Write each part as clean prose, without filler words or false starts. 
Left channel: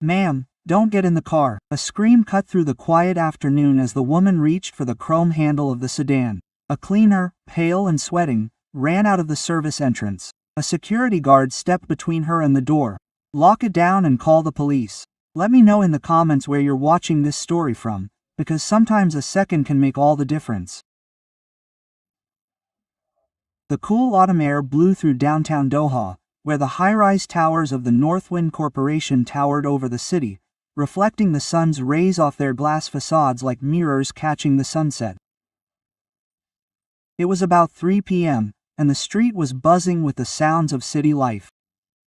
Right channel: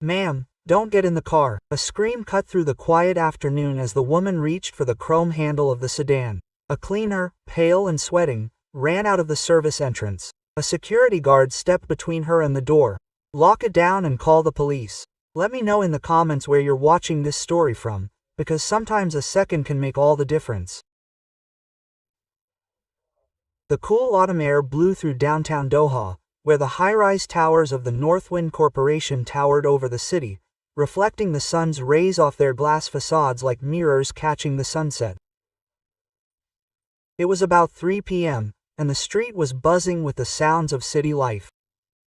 "Ma'am, don't get in the car." A scream cut through the quiet afternoon as the woman reached for the chrome handle of the sedan. A cleaner, pale and sweating, ran out of the service entrance. A security guard stepped between her and the door. "Lock it down and call the police." Let me know in the comments where you're watching this story from, because sometimes a second can make all the difference. The cool autumn air blew through downtown Doha, where the high-rise towers of the Northwind Corporation towered over the city, reflecting the sun's rays off their glass facades like mirrors catching the sunset. It was about 3 p.m., and the street was buzzing with the sounds of city life.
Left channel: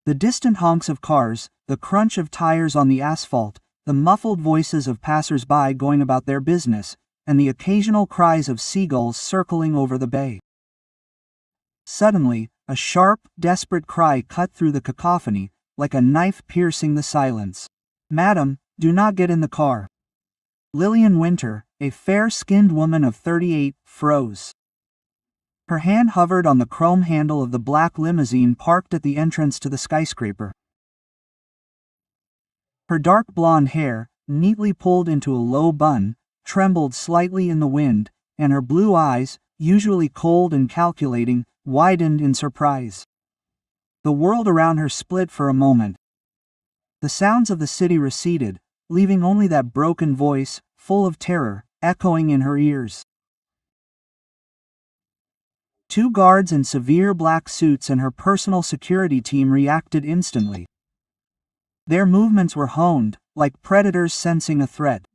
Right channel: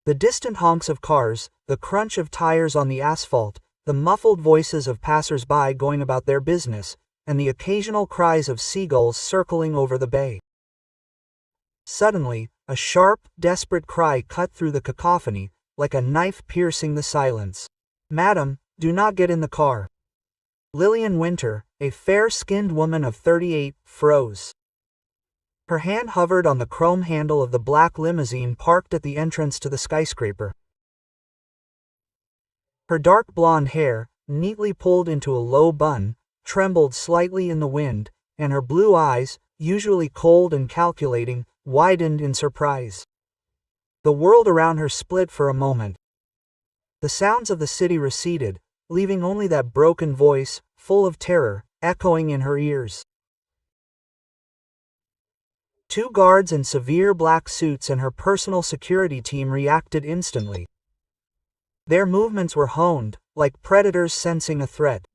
The distant honks of cars, the crunch of tires on the asphalt, the muffled voices of passers-by going about their business, and the occasional cries of seagulls circling over the bay. Suddenly, a sharp, desperate cry cut through the cacophony, like a knife piercing the silence. "Madam, do not get in the car." Lillian Winter, a fair-skinned woman of 38, froze. Her hand hovered on the chrome handle of the black limousine parked at the entrance to the skyscraper. Her dark blonde hair, neatly pulled into a low bun, trembled slightly in the wind, and her blue eyes, usually cold and calculating, widened in surprise. The world around her split for a moment. The sounds of the city receded, leaving only that broken voice, full of terror, echoing in her ears. Two guards in severe black suits and her personal security team reacted instantly. Their movements were honed, like predators sensing a threat.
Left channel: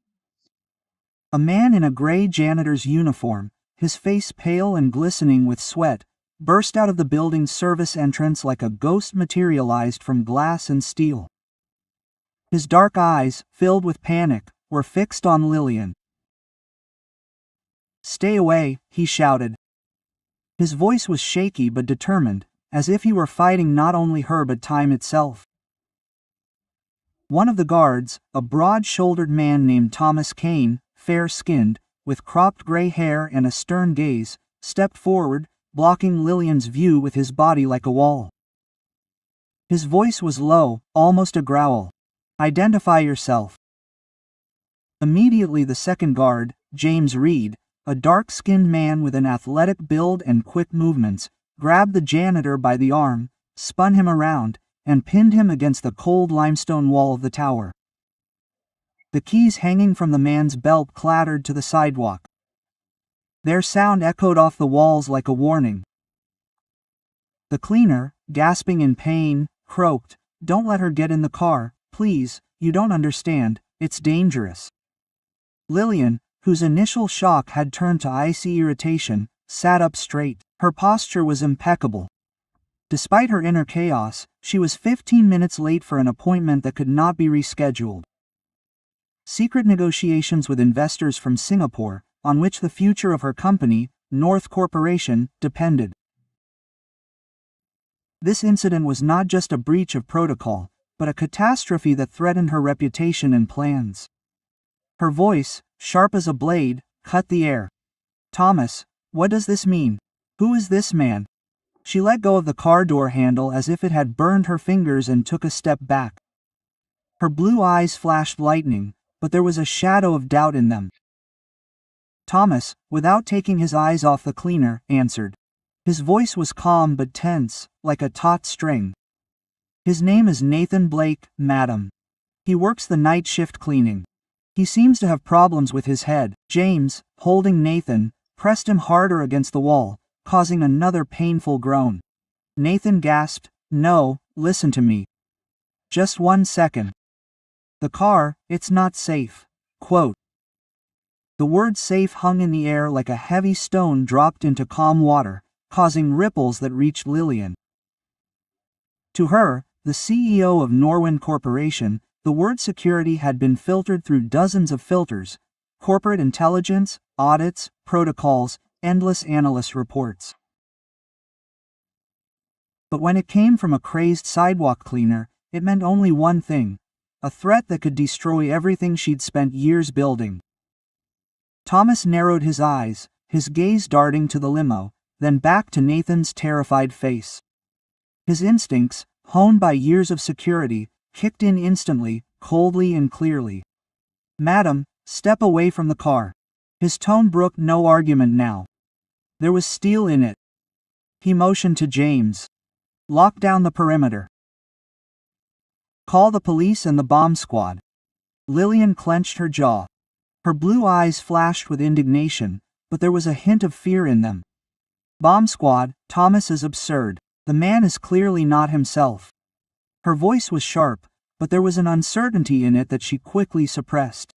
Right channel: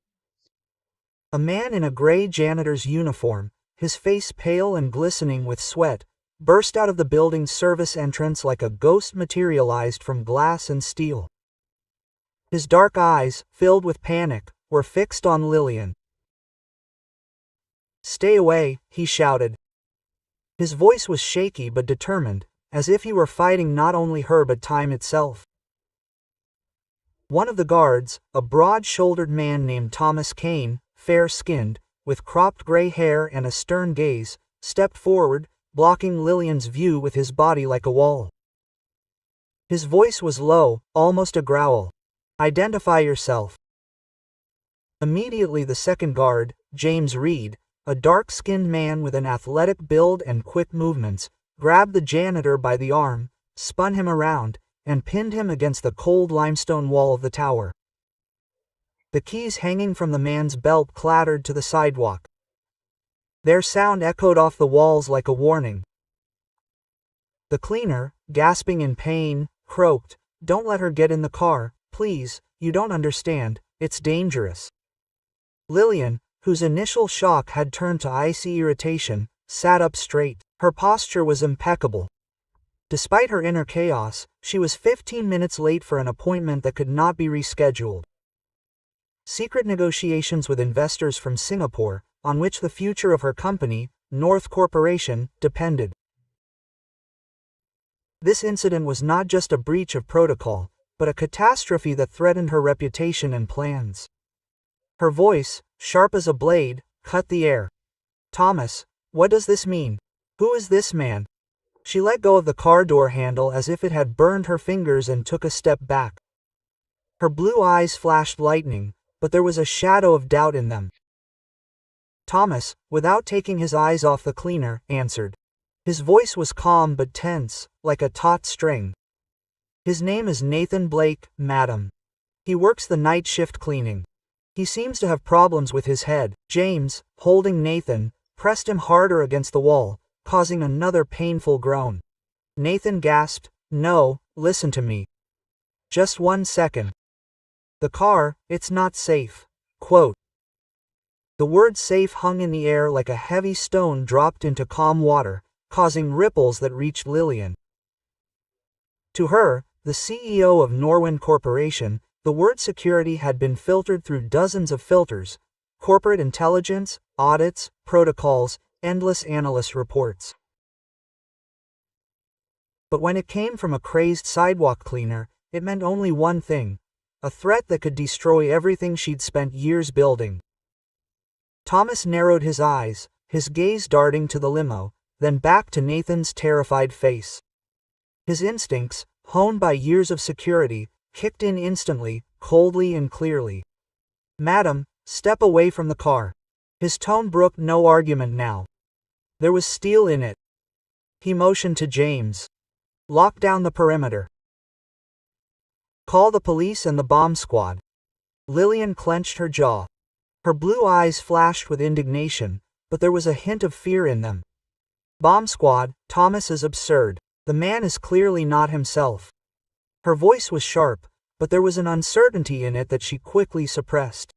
A man in a gray janitor's uniform, his face pale and glistening with sweat, burst out of the building's service entrance like a ghost materialized from glass and steel. His dark eyes, filled with panic, were fixed on Lillian. "Stay away," he shouted. His voice was shaky but determined, as if he were fighting not only her but time itself. One of the guards, a broad-shouldered man named Thomas Kane, fair-skinned, with cropped gray hair and a stern gaze, stepped forward, blocking Lillian's view with his body like a wall. His voice was low, almost a growl. "Identify yourself." Immediately the second guard, James Reed, a dark-skinned man with an athletic build and quick movements, grabbed the janitor by the arm, spun him around, and pinned him against the cold limestone wall of the tower. The keys hanging from the man's belt clattered to the sidewalk. Their sound echoed off the walls like a warning. The cleaner, gasping in pain, croaked, "Don't let her get in the car, please, you don't understand, it's dangerous." Lillian, whose initial shock had turned to icy irritation, sat up straight. Her posture was impeccable. Despite her inner chaos, she was 15 minutes late for an appointment that could not be rescheduled. Secret negotiations with investors from Singapore, on which the future of her company, North Corporation, depended. This incident was not just a breach of protocol, but a catastrophe that threatened her reputation and plans. Her voice, sharp as a blade, cut the air. "Thomas, what does this mean? Who is this man?" She let go of the car door handle as if it had burned her fingers and took a step back. Her blue eyes flashed lightning, but there was a shadow of doubt in them. Thomas, without taking his eyes off the cleaner, answered. His voice was calm but tense, like a taut string. "His name is Nathan Blake, madam. He works the night shift cleaning. He seems to have problems with his head." James, holding Nathan, pressed him harder against the wall, causing another painful groan. Nathan gasped, "No, listen to me. Just 1 second. The car, it's not safe." Quote. The word safe hung in the air like a heavy stone dropped into calm water, causing ripples that reached Lillian. To her, the CEO of Norwind Corporation, the word security had been filtered through dozens of filters: corporate intelligence, audits, protocols, endless analyst reports. But when it came from a crazed sidewalk cleaner, it meant only one thing: a threat that could destroy everything she'd spent years building. Thomas narrowed his eyes, his gaze darting to the limo, then back to Nathan's terrified face. His instincts, honed by years of security, kicked in instantly, coldly and clearly. "Madam, step away from the car." His tone brooked no argument now. There was steel in it. He motioned to James. "Lock down the perimeter. Call the police and the bomb squad." Lillian clenched her jaw. Her blue eyes flashed with indignation, but there was a hint of fear in them. "Bomb squad, Thomas is absurd. The man is clearly not himself." Her voice was sharp, but there was an uncertainty in it that she quickly suppressed.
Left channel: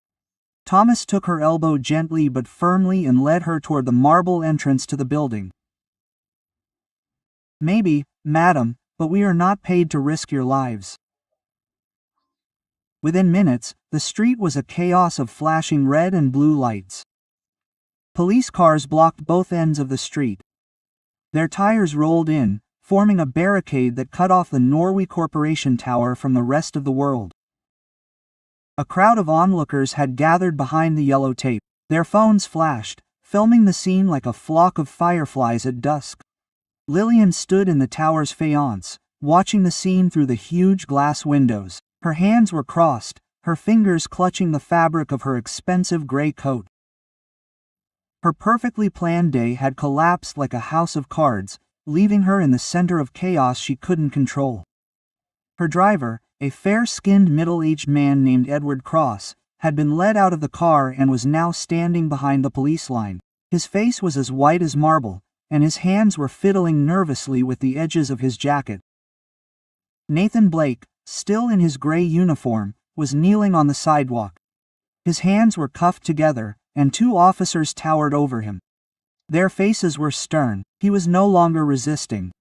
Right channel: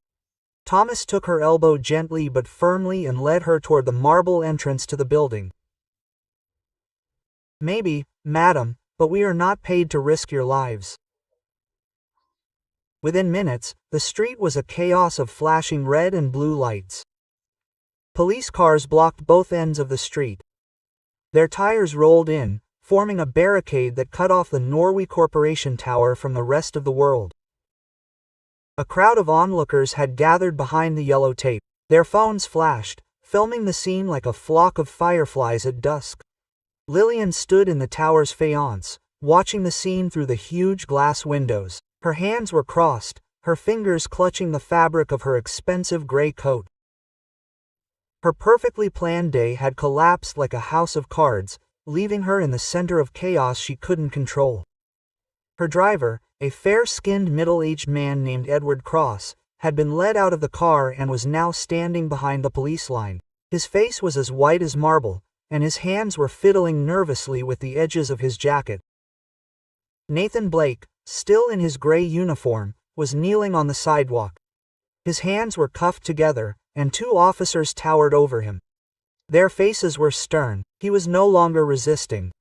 Thomas took her elbow gently but firmly and led her toward the marble entrance to the building. "Maybe, madam, but we are not paid to risk your lives." Within minutes, the street was a chaos of flashing red and blue lights. Police cars blocked both ends of the street. Their tires rolled in, forming a barricade that cut off the Norway Corporation Tower from the rest of the world. A crowd of onlookers had gathered behind the yellow tape. Their phones flashed, filming the scene like a flock of fireflies at dusk. Lillian stood in the tower's faience, watching the scene through the huge glass windows. Her hands were crossed, her fingers clutching the fabric of her expensive gray coat. Her perfectly planned day had collapsed like a house of cards, leaving her in the center of chaos she couldn't control. Her driver, a fair-skinned middle-aged man named Edward Cross, had been led out of the car and was now standing behind the police line. His face was as white as marble, and his hands were fiddling nervously with the edges of his jacket. Nathan Blake, still in his gray uniform, was kneeling on the sidewalk. His hands were cuffed together, and two officers towered over him. Their faces were stern. He was no longer resisting.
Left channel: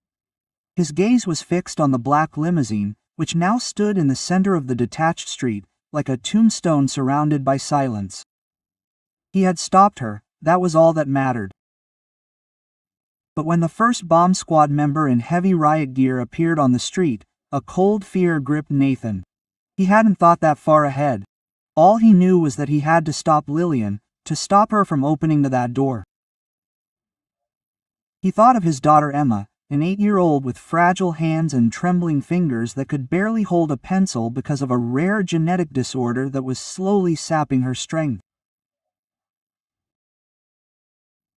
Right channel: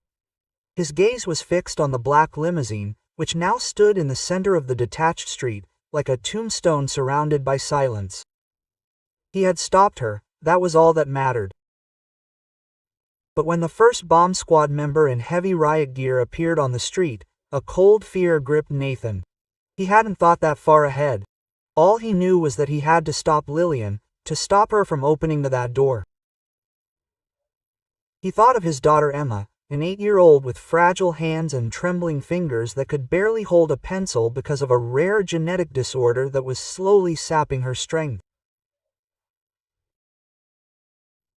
His gaze was fixed on the black limousine, which now stood in the center of the detached street, like a tombstone surrounded by silence. He had stopped her, that was all that mattered. But when the first bomb squad member in heavy riot gear appeared on the street, a cold fear gripped Nathan. He hadn't thought that far ahead. All he knew was that he had to stop Lillian, to stop her from opening that door. He thought of his daughter Emma, an 8-year-old with fragile hands and trembling fingers that could barely hold a pencil because of a rare genetic disorder that was slowly sapping her strength.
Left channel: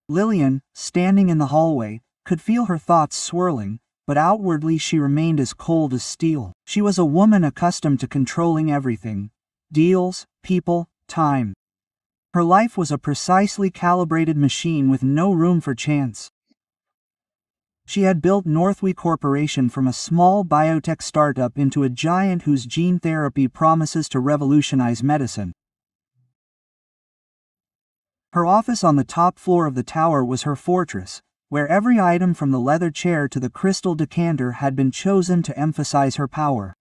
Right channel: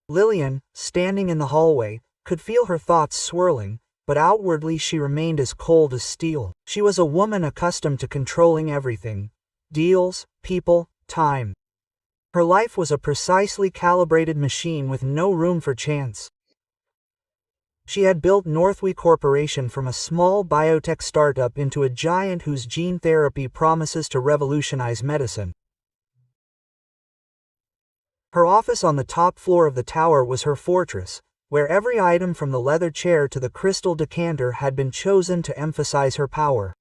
Lillian, standing in the hallway, could feel her thoughts swirling, but outwardly she remained as cold as steel. She was a woman accustomed to controlling everything: deals, people, time. Her life was a precisely calibrated machine with no room for chance. She had built Northway Corporation from a small biotech startup into a giant whose gene therapy promises to revolutionize medicine. Her office on the top floor of the tower was her fortress, where every item from the leather chair to the crystal decanter had been chosen to emphasize her power.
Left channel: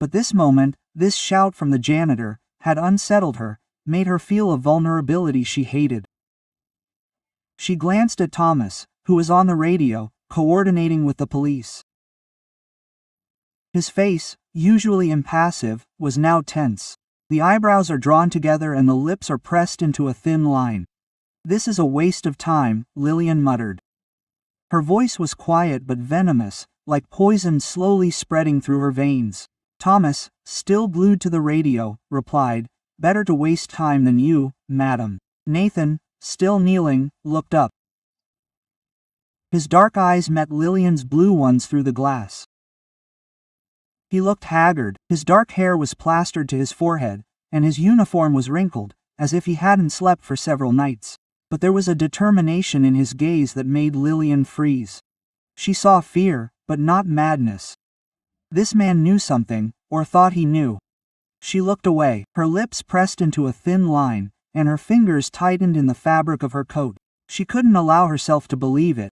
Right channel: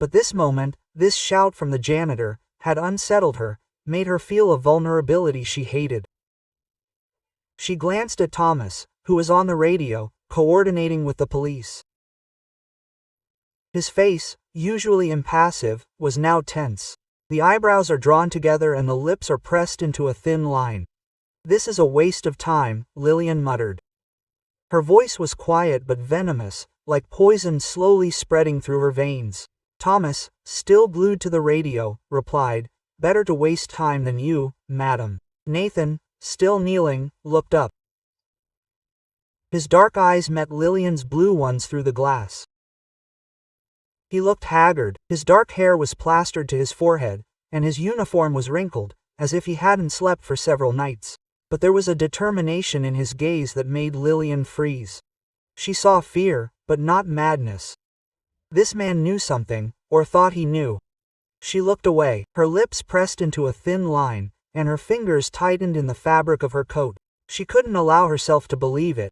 But this moment, this shout from the janitor, had unsettled her, made her feel a vulnerability she hated. She glanced at Thomas, who was on the radio, coordinating with the police. His face, usually impassive, was now tense. The eyebrows are drawn together and the lips are pressed into a thin line. "This is a waste of time," Lillian muttered. Her voice was quiet but venomous, like poison slowly spreading through her veins. Thomas, still glued to the radio, replied, "Better to waste time than you, madam." Nathan, still kneeling, looked up. His dark eyes met Lillian's blue ones through the glass. He looked haggard, his dark hair was plastered to his forehead, and his uniform was wrinkled, as if he hadn't slept for several nights. But there was a determination in his gaze that made Lillian freeze. She saw fear, but not madness. This man knew something, or thought he knew. She looked away, her lips pressed into a thin line, and her fingers tightened in the fabric of her coat. She couldn't allow herself to believe it.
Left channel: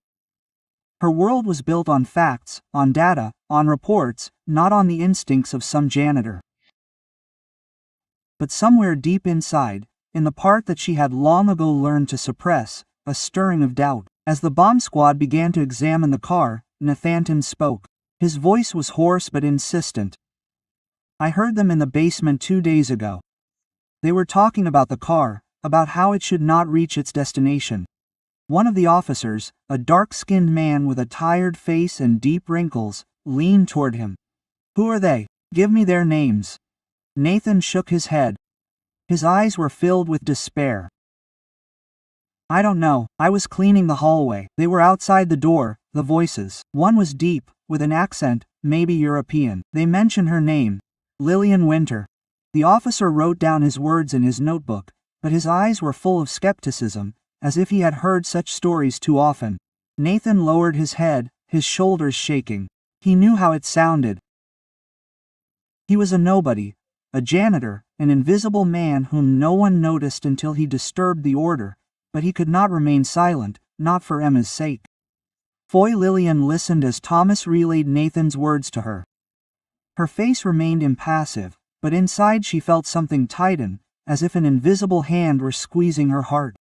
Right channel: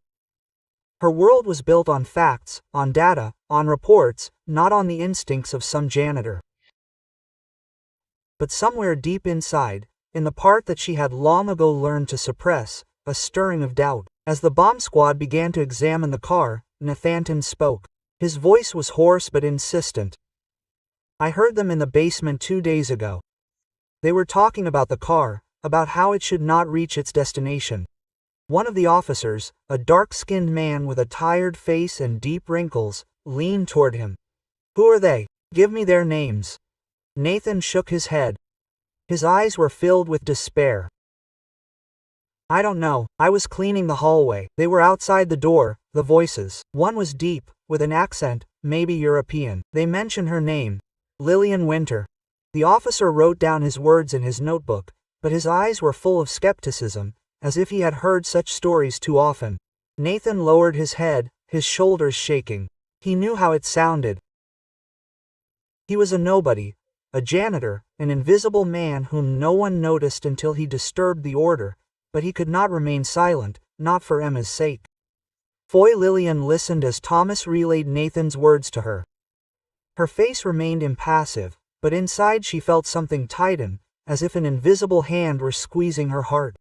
Her world was built on facts, on data, on reports, not on the instincts of some janitor. But somewhere deep inside, in the part that she had long ago learned to suppress, a stirring of doubt. As the bomb squad began to examine the car, Nathan spoke. His voice was hoarse but insistent. "I heard them in the basement 2 days ago. They were talking about the car, about how it should not reach its destination." One of the officers, a dark-skinned man with a tired face and deep wrinkles, leaned toward him. "Who are they? Give me their names." Nathan shook his head. His eyes were filled with despair. I don't know, I was cleaning the hallway. They were outside the door, the voices. One was deep, with an accent, maybe European. They mentioned her name. Lillian Winter. The officer wrote down his words in his notebook, but his eyes were full of skepticism, as if he had heard such stories too often. Nathan lowered his head, his shoulders shaking. He knew how it sounded. He was a nobody, a janitor, an invisible man whom no one noticed until he disturbed the order, but he could not remain silent, not for Emma's sake. Foy Lillian listened as Thomas relayed Nathan's words to her. Her face remained impassive, but inside she felt something tighten, as if an invisible hand were squeezing her heart.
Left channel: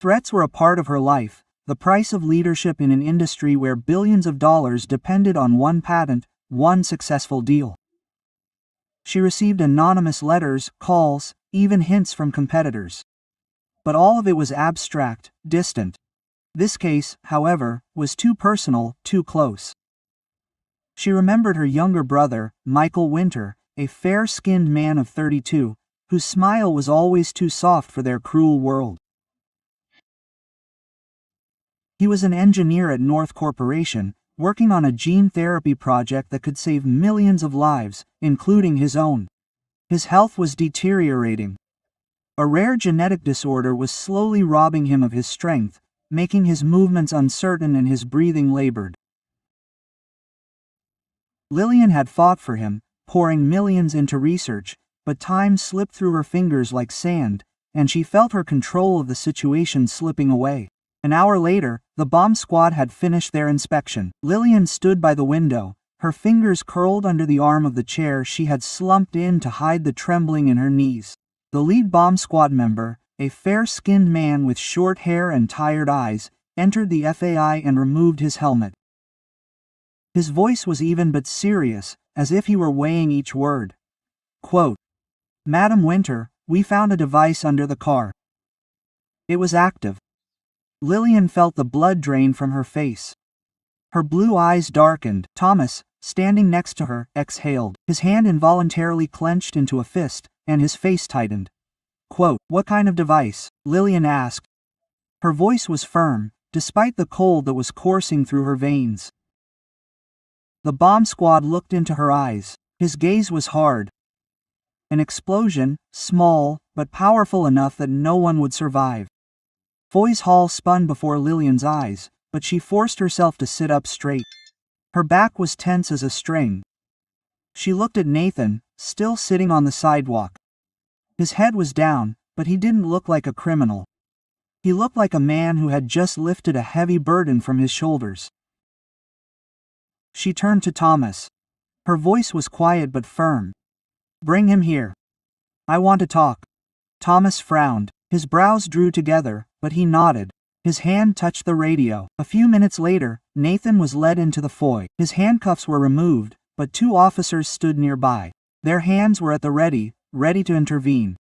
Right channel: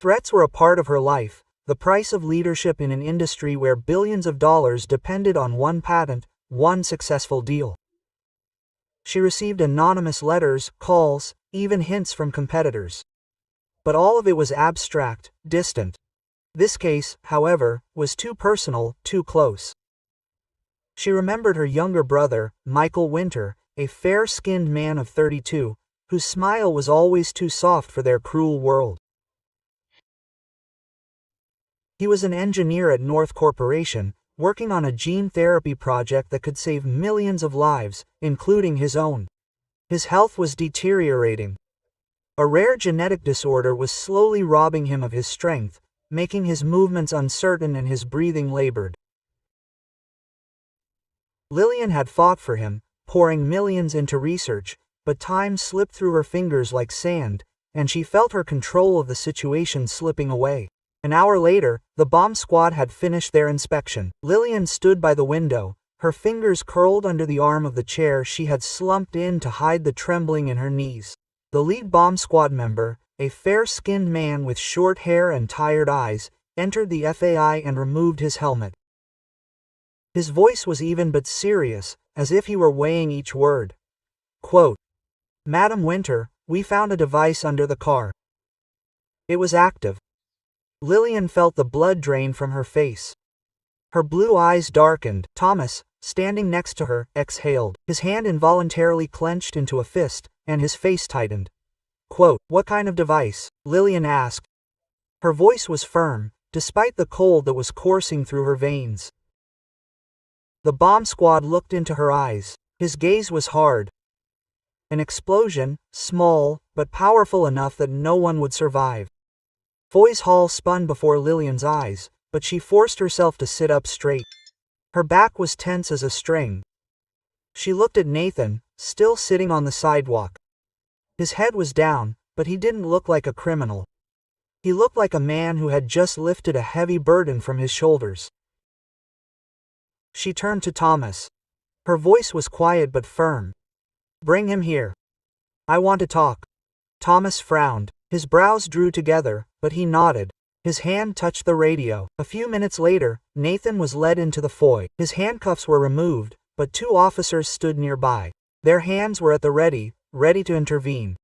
Threats were a part of her life, the price of leadership in an industry where billions of dollars depended on one patent, one successful deal. She received anonymous letters, calls, even hints from competitors. But all of it was abstract, distant. This case, however, was too personal, too close. She remembered her younger brother, Michael Winter, a fair-skinned man of 32, whose smile was always too soft for their cruel world. He was an engineer at North Corporation, working on a gene therapy project that could save millions of lives, including his own. His health was deteriorating. A rare genetic disorder was slowly robbing him of his strength, making his movements uncertain and his breathing labored. Lillian had fought for him, pouring millions into research, but time slipped through her fingers like sand, and she felt her control of the situation slipping away. An hour later, the bomb squad had finished their inspection. Lillian stood by the window, her fingers curled under the arm of the chair she had slumped in to hide the trembling in her knees. The lead bomb squad member, a fair-skinned man with short hair and tired eyes, entered the FAI and removed his helmet. His voice was even but serious, as if he were weighing each word. Quote, "Madam Winter, we found a device under the car. It was active." Lillian felt the blood drain from her face. Her blue eyes darkened. Thomas, standing next to her, exhaled. His hand involuntarily clenched into a fist, and his face tightened. Quote, "What kind of device?" Lillian asked. Her voice was firm, despite the cold that was coursing through her veins. The bomb squad looked into her eyes. His gaze was hard. An explosion, small, but powerful enough that no one would survive. Foy's hall spun before Lillian's eyes, but she forced herself to sit up straight. Her back was tense as a string. She looked at Nathan, still sitting on the sidewalk. His head was down, but he didn't look like a criminal. He looked like a man who had just lifted a heavy burden from his shoulders. She turned to Thomas. Her voice was quiet but firm. "Bring him here. I want to talk." Thomas frowned. His brows drew together, but he nodded. His hand touched the radio. A few minutes later, Nathan was led into the foyer. His handcuffs were removed, but two officers stood nearby. Their hands were at the ready to intervene.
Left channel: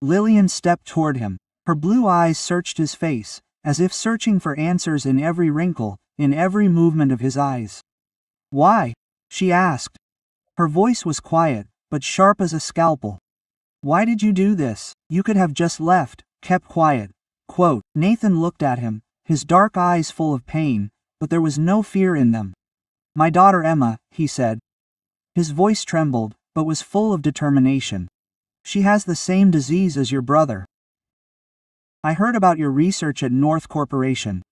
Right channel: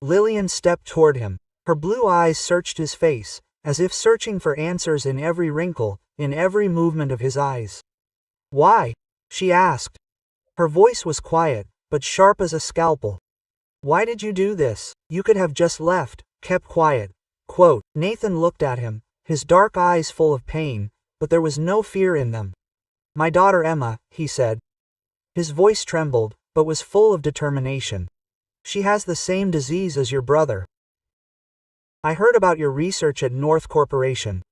Lillian stepped toward him. Her blue eyes searched his face, as if searching for answers in every wrinkle, in every movement of his eyes. "Why?" she asked. Her voice was quiet, but sharp as a scalpel. "Why did you do this? You could have just left, kept quiet." Quote, Nathan looked at him, his dark eyes full of pain, but there was no fear in them. "My daughter Emma," he said. His voice trembled, but was full of determination. "She has the same disease as your brother. I heard about your research at North Corporation.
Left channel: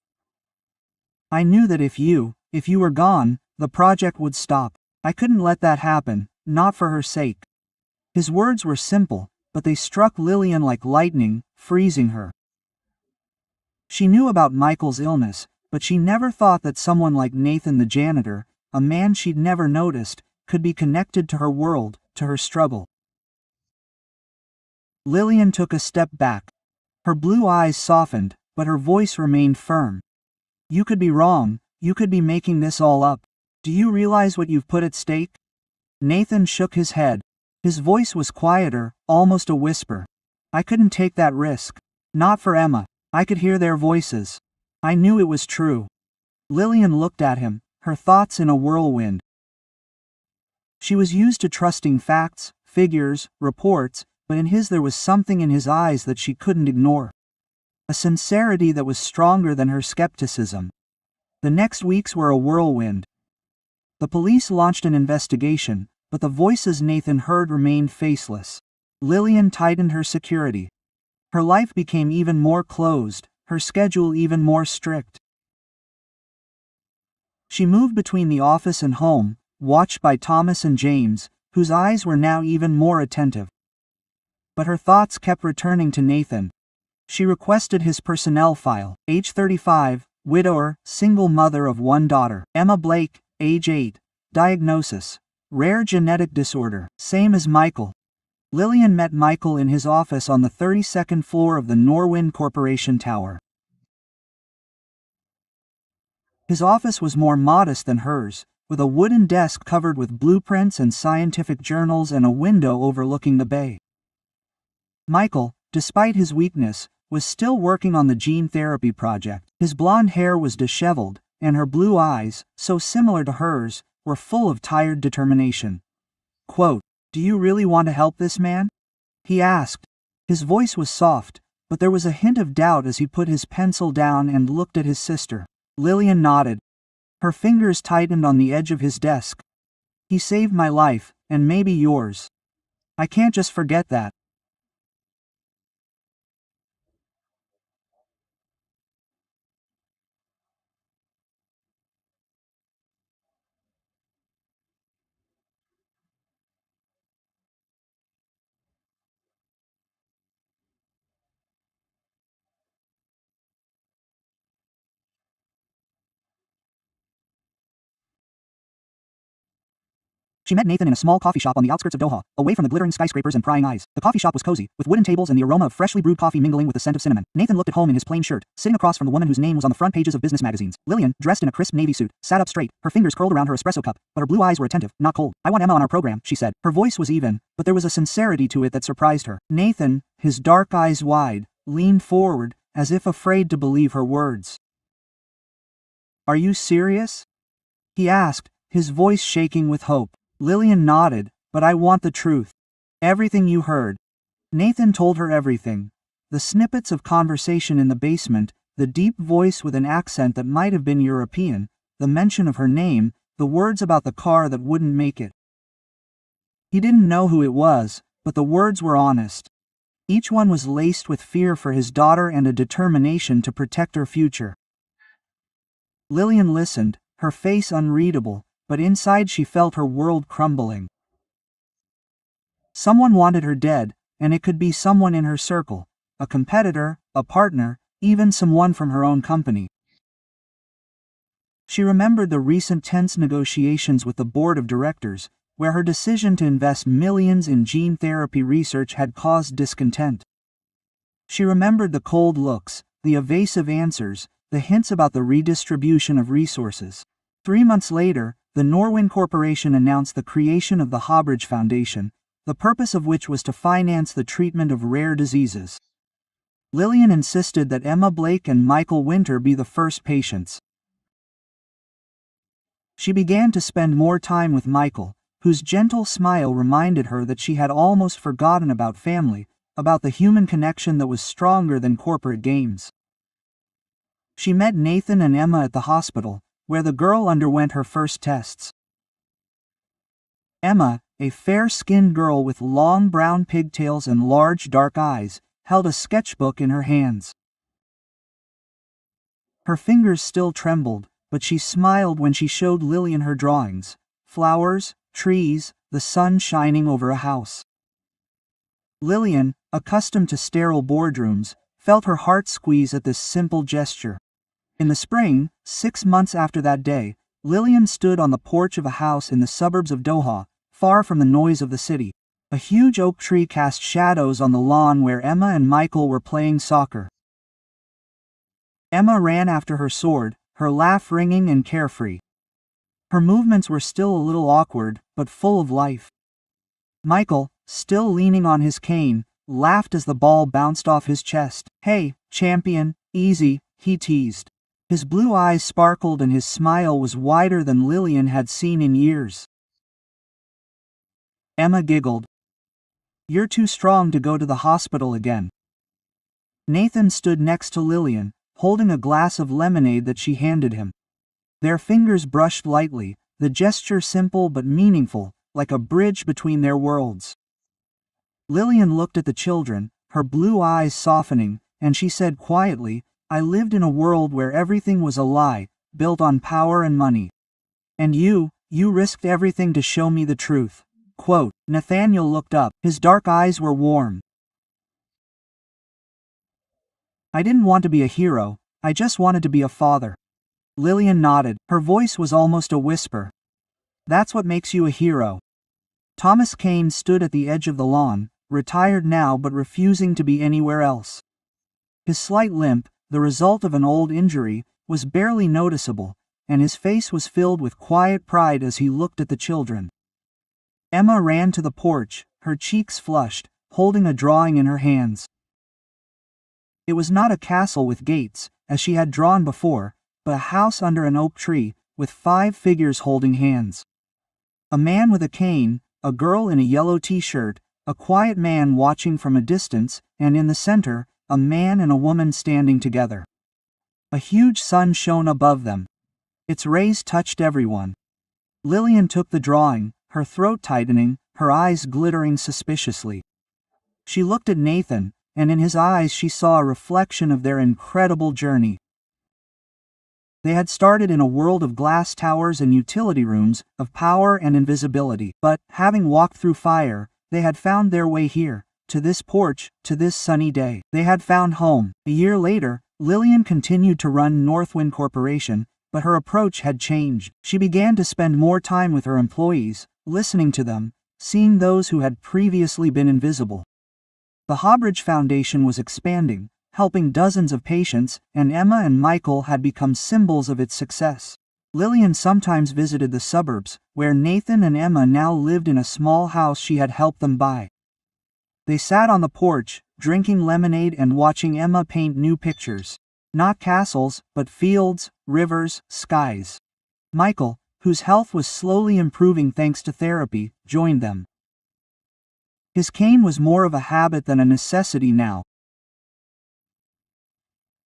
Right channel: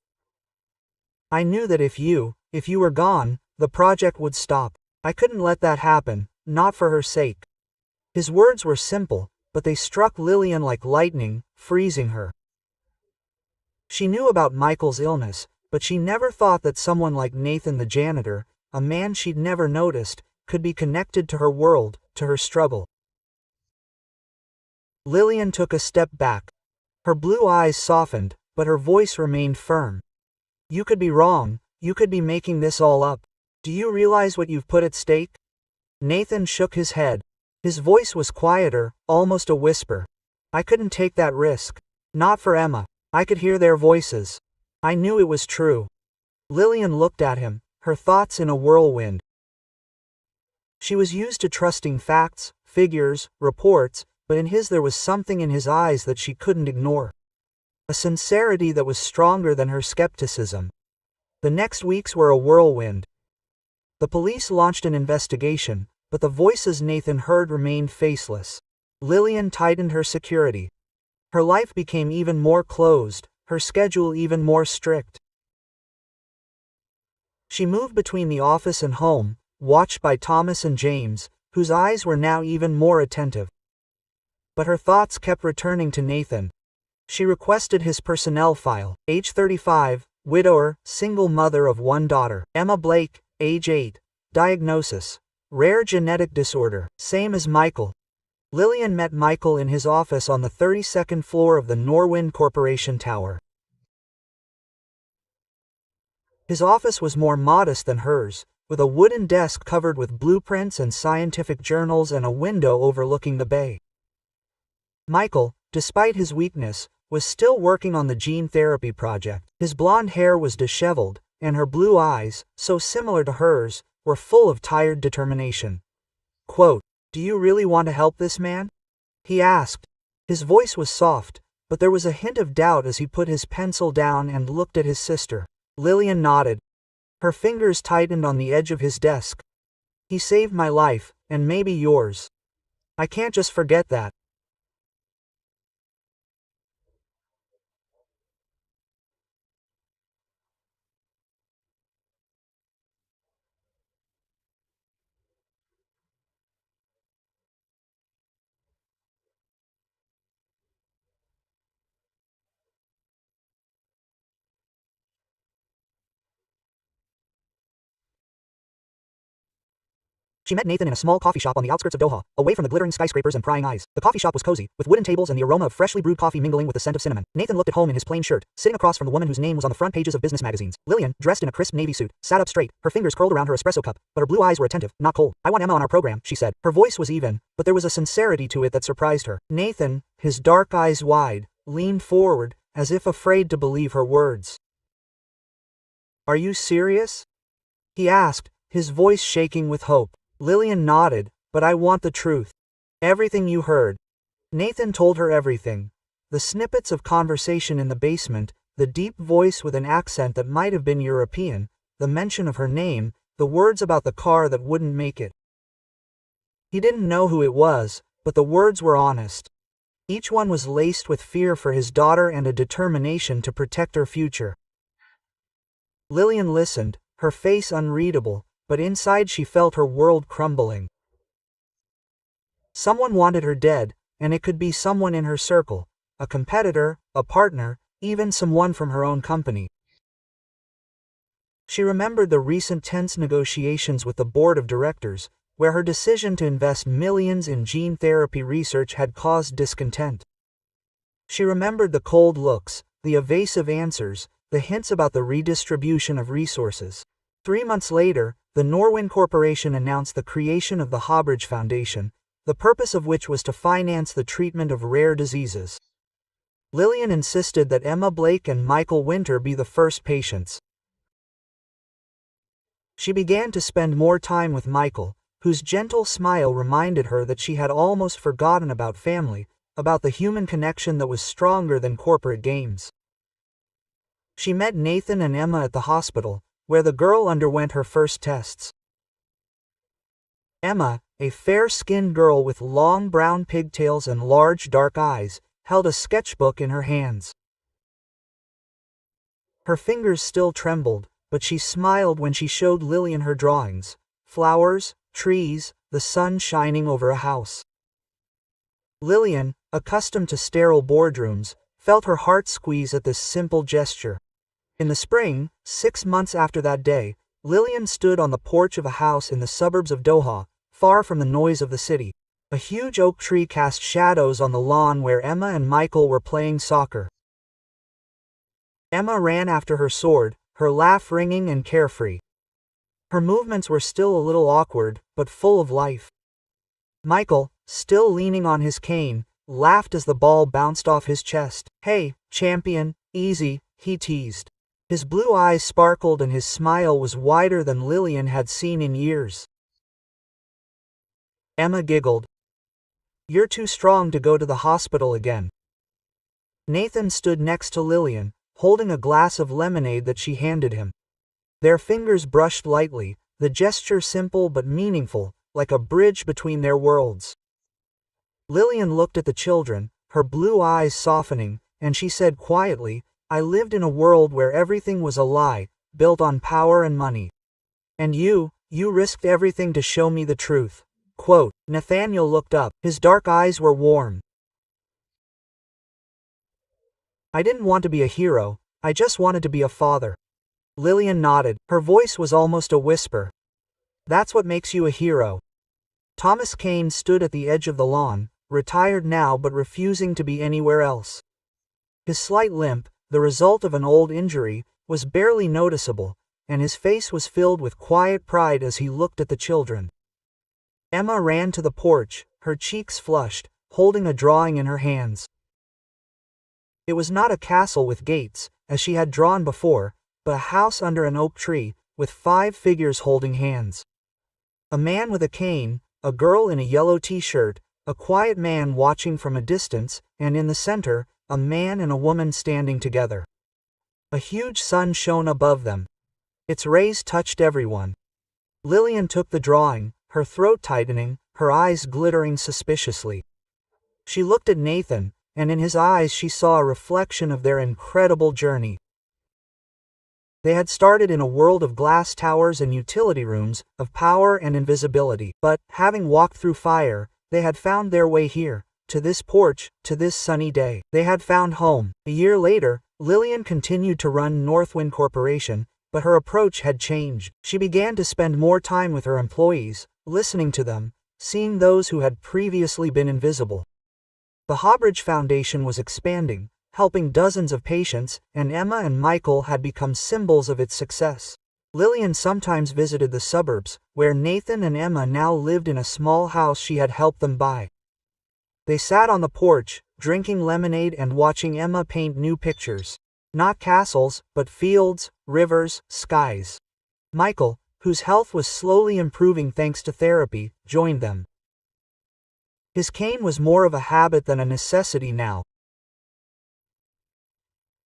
I knew that if you were gone, the project would stop. I couldn't let that happen, not for her sake." His words were simple, but they struck Lillian like lightning, freezing her. She knew about Michael's illness, but she never thought that someone like Nathan the janitor, a man she'd never noticed, could be connected to her world, to her struggle. Lillian took a step back. Her blue eyes softened, but her voice remained firm. "You could be wrong, you could be making this all up. Do you realize what you've put at stake?" Nathan shook his head. His voice was quieter, almost a whisper. "I couldn't take that risk. Not for Emma. I could hear their voices. I knew it was true." Lillian looked at him, her thoughts in a whirlwind. She was used to trusting facts, figures, reports, but in his there was something in his eyes that she couldn't ignore. A sincerity that was stronger than her skepticism. The next weeks were a whirlwind. The police launched an investigation, but the voices Nathan heard remained faceless. Lillian tightened her security. Her life became even more closed, her schedule even more strict. She moved between the office and home, watched by Thomas and James, whose eyes were now even more attentive. But her thoughts kept returning to Nathan. She requested his personnel file. Age 35, widower, single mother of one daughter. Emma Blake, age 8. Diagnosis: rare genetic disorder, same as Michael. Lillian met Michael in his office on the 32nd floor of the Norwind Corporation Tower. His office was more modest than hers, with a wooden desk covered with blueprints and scientific journals and a window overlooking the bay. Michael, despite his weakness, was still working on the gene therapy project. His blonde hair was disheveled, and her blue eyes, so similar to hers, were full of tired determination. Quote, "Do you really want to help this man?" he asked. His voice was soft, but there was a hint of doubt as he put his pencil down and looked at his sister. Lillian nodded. Her fingers tightened on the edge of his desk. "He saved my life, and maybe yours. I can't just forget that." She met Nathan in a small coffee shop on the outskirts of Doha, away from the glittering skyscrapers and prying eyes. The coffee shop was cozy, with wooden tables and the aroma of freshly brewed coffee mingling with the scent of cinnamon. Nathan looked at home in his plain shirt, sitting across from the woman whose name was on the front pages of business magazines. Lillian, dressed in a crisp navy suit, sat up straight, her fingers curled around her espresso cup, but her blue eyes were attentive, not cold. "I want Emma on our program," she said. Her voice was even, but there was a sincerity to it that surprised her. Nathan, his dark eyes wide, leaned forward, as if afraid to believe her words. "Are you serious?" he asked, his voice shaking with hope. Lillian nodded. "But I want the truth. Everything you heard." Nathan told her everything. The snippets of conversation in the basement, the deep voice with an accent that might have been European, the mention of her name, the words about the car that wouldn't make it. He didn't know who it was, but the words were honest. Each one was laced with fear for his daughter and a determination to protect her future. Lillian listened, her face unreadable, but inside she felt her world crumbling. Someone wanted her dead, and it could be someone in her circle, a competitor, a partner, even someone from her own company. She remembered the recent tense negotiations with the board of directors, where her decision to invest millions in gene therapy research had caused discontent. She remembered the cold looks, the evasive answers, the hints about the redistribution of resources. 3 months later, the Norwind Corporation announced the creation of the Hobridge Foundation, the purpose of which was to finance the treatment of rare diseases. Lillian insisted that Emma Blake and Michael Winter be the first patients. She began to spend more time with Michael, whose gentle smile reminded her that she had almost forgotten about family, about the human connection that was stronger than corporate games. She met Nathan and Emma at the hospital, where the girl underwent her first tests. Emma, a fair-skinned girl with long brown pigtails and large dark eyes, held a sketchbook in her hands. Her fingers still trembled, but she smiled when she showed Lillian her drawings: flowers, trees, the sun shining over a house. Lillian, accustomed to sterile boardrooms, felt her heart squeeze at this simple gesture. In the spring, 6 months after that day, Lillian stood on the porch of a house in the suburbs of Doha, far from the noise of the city. A huge oak tree cast shadows on the lawn where Emma and Michael were playing soccer. Emma ran after her sword, her laugh ringing and carefree. Her movements were still a little awkward, but full of life. Michael, still leaning on his cane, laughed as the ball bounced off his chest. "Hey, champion, easy," he teased. His blue eyes sparkled and his smile was wider than Lillian had seen in years. Emma giggled. You're too strong to go to the hospital again. Nathan stood next to Lillian, holding a glass of lemonade that she handed him. Their fingers brushed lightly, the gesture simple but meaningful, like a bridge between their worlds. Lillian looked at the children, her blue eyes softening, and she said quietly, I lived in a world where everything was a lie, built on power and money. And you risked everything to show me the truth. Quote. Nathaniel looked up, his dark eyes were warm. I didn't want to be a hero, I just wanted to be a father. Lillian nodded, her voice was almost a whisper. That's what makes you a hero. Thomas Kane stood at the edge of the lawn, retired now but refusing to be anywhere else. His slight limp, the result of an old injury, was barely noticeable, and his face was filled with quiet pride as he looked at the children. Emma ran to the porch, her cheeks flushed, holding a drawing in her hands. It was not a castle with gates, as she had drawn before, but a house under an oak tree, with 5 figures holding hands. A man with a cane, a girl in a yellow t-shirt, a quiet man watching from a distance, and in the center, a man and a woman standing together. A huge sun shone above them. Its rays touched everyone. Lillian took the drawing, her throat tightening, her eyes glittering suspiciously. She looked at Nathan, and in his eyes she saw a reflection of their incredible journey. They had started in a world of glass towers and utility rooms, of power and invisibility, but, having walked through fire, they had found their way here, to this porch, to this sunny day. They had found home. A year later, Lillian continued to run Northwind Corporation, but her approach had changed. She began to spend more time with her employees, listening to them, seeing those who had previously been invisible. The Hobridge Foundation was expanding, helping dozens of patients, and Emma and Michael had become symbols of its success. Lillian sometimes visited the suburbs, where Nathan and Emma now lived in a small house she had helped them buy. They sat on the porch, drinking lemonade and watching Emma paint new pictures. Not castles, but fields, rivers, skies. Michael, whose health was slowly improving thanks to therapy, joined them. His cane was more of a habit than a necessity now.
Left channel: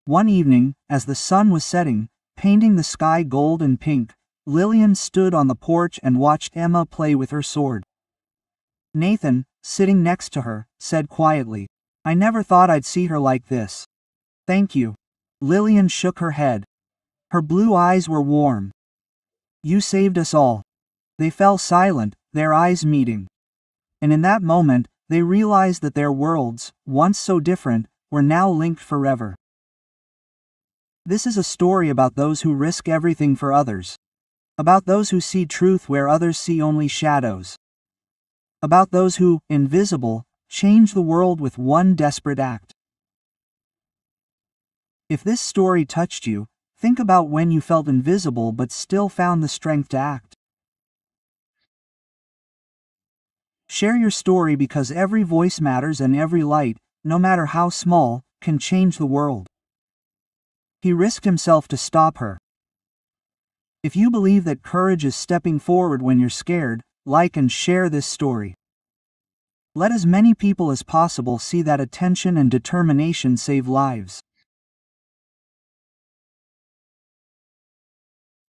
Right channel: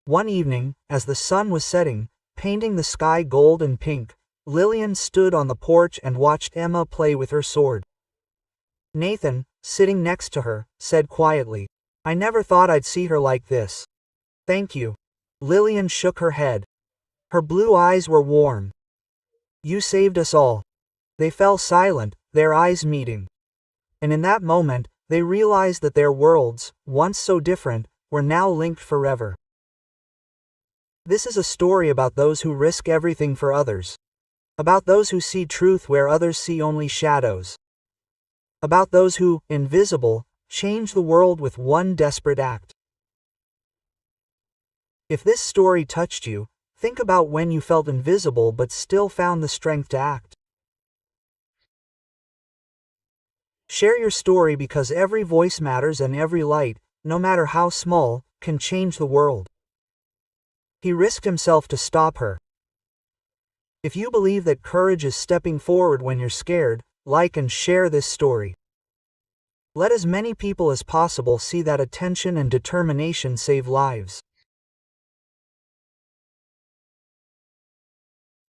One evening, as the sun was setting, painting the sky gold and pink, Lillian stood on the porch and watched Emma play with her sword. Nathan, sitting next to her, said quietly, I never thought I'd see her like this. Thank you. Lillian shook her head. Her blue eyes were warm. You saved us all. They fell silent, their eyes meeting. And in that moment, they realized that their worlds, once so different, were now linked forever. This is a story about those who risk everything for others. About those who see truth where others see only shadows. About those who, invisible, change the world with one desperate act. If this story touched you, think about when you felt invisible but still found the strength to act. Share your story because every voice matters and every light, no matter how small, can change the world. He risked himself to stop her. If you believe that courage is stepping forward when you're scared, like and share this story. Let as many people as possible see that attention and determination save lives.